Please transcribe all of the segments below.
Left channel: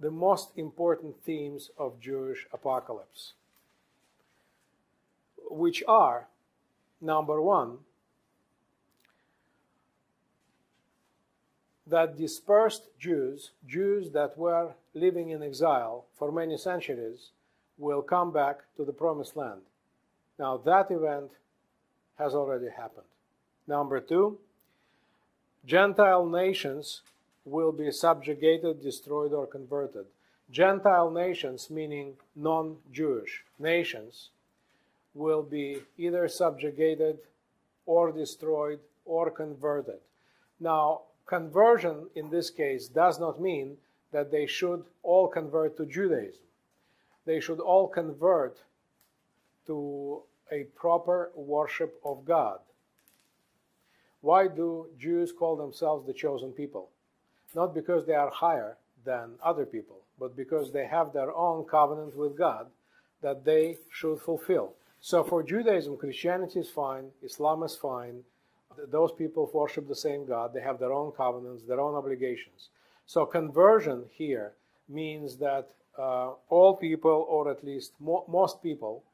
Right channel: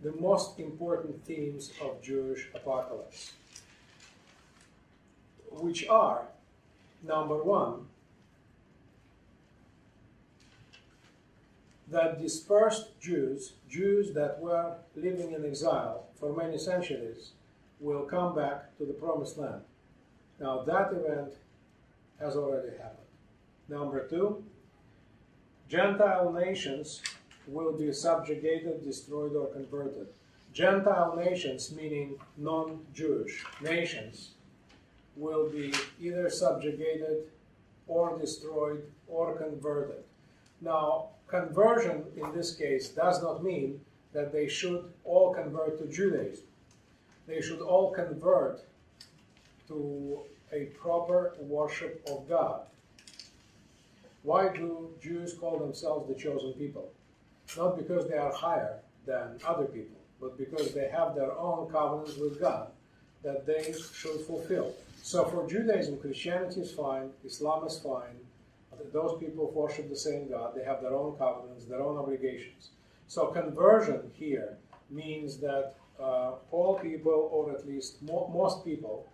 the most important themes of Jewish apocalypse, which are, number one, that dispersed Jews, Jews that were living in exile for many centuries, will come back to the Promised Land. Now, that event has already happened. Number two, Gentile nations will be subjugated, destroyed, or converted. Gentile nations, meaning non-Jewish nations, will be either subjugated or destroyed or converted. Now, conversion in this case does not mean that they should all convert to Judaism. They should all convert to a proper worship of God. Why do Jews call themselves the chosen people? Not because they are higher than other people, but because they have their own covenants with God that they should fulfill. So for Judaism, Christianity is fine, Islam is fine. Those people worship the same God. They have their own covenants, their own obligations. So conversion here means that all people, or at least most people,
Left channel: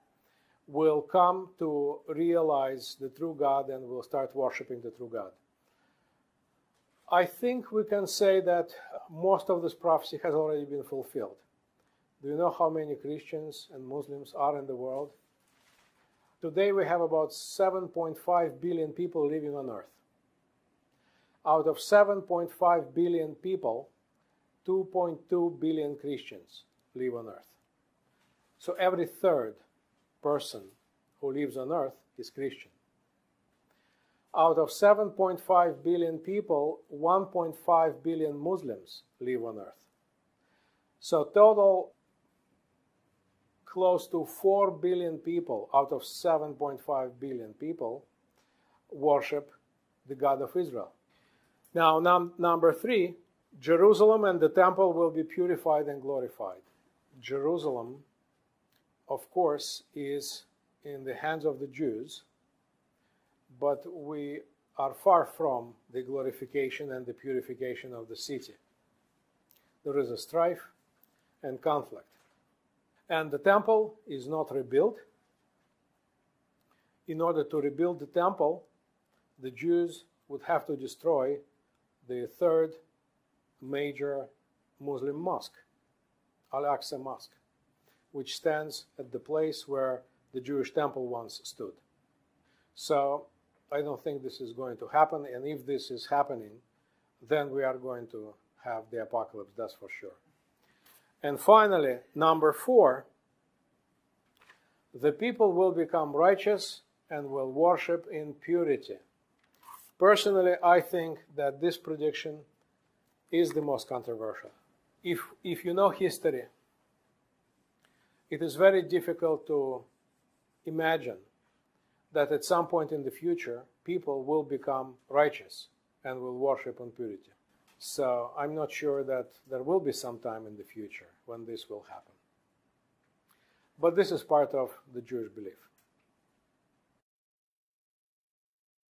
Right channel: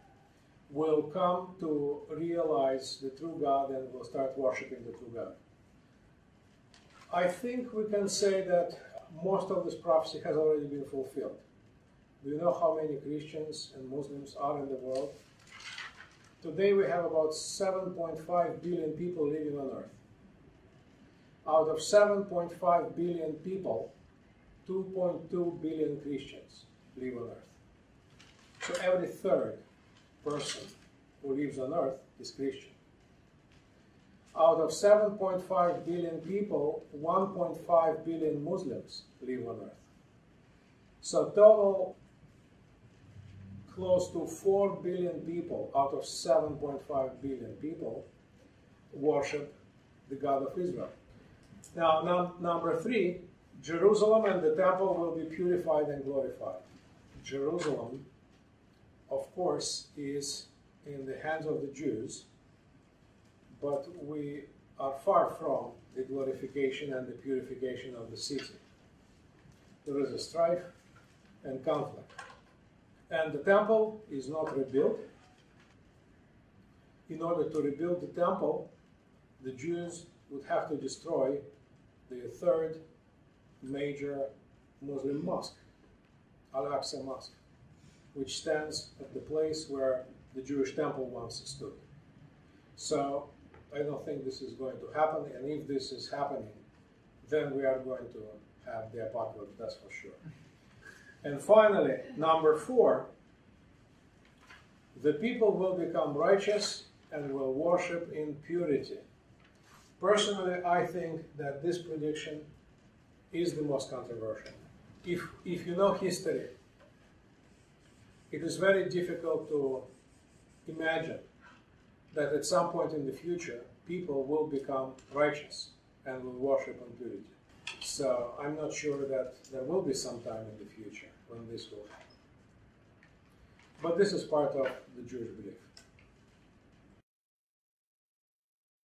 will come to realize the true God and will start worshiping the true God. I think we can say that most of this prophecy has already been fulfilled. Do you know how many Christians and Muslims are in the world? Today we have about 7.5 billion people living on Earth. Out of 7.5 billion people, 2.2 billion Christians live on Earth. So every third person who lives on Earth is Christian. Out of 7.5 billion people, 1.5 billion Muslims live on Earth. So total, close to 4 billion people out of 7.5 billion people worship the God of Israel. Now, number three, Jerusalem and the temple will be purified and glorified. Jerusalem, of course, is in the hands of the Jews, but we are far from the glorification and the purification of the city. There is a strife and conflict. And the temple is not rebuilt. In order to rebuild the temple, the Jews would have to destroy the third major Muslim mosque, Al-Aqsa Mosque, which stands at the place where the Jewish temple once stood. So I don't think this is going to happen, and if this is happening, then we are going to have the apocalypse, that's for sure. And finally, number four, the people will become righteous and will worship in purity. Personally, I think that this prediction is the most controversial. If you know history, it is very difficult to imagine that at some point in the future, people will become righteous and will worship in purity. So I'm not sure that there will be some time in the future when this will happen. But this is part of the Jewish belief.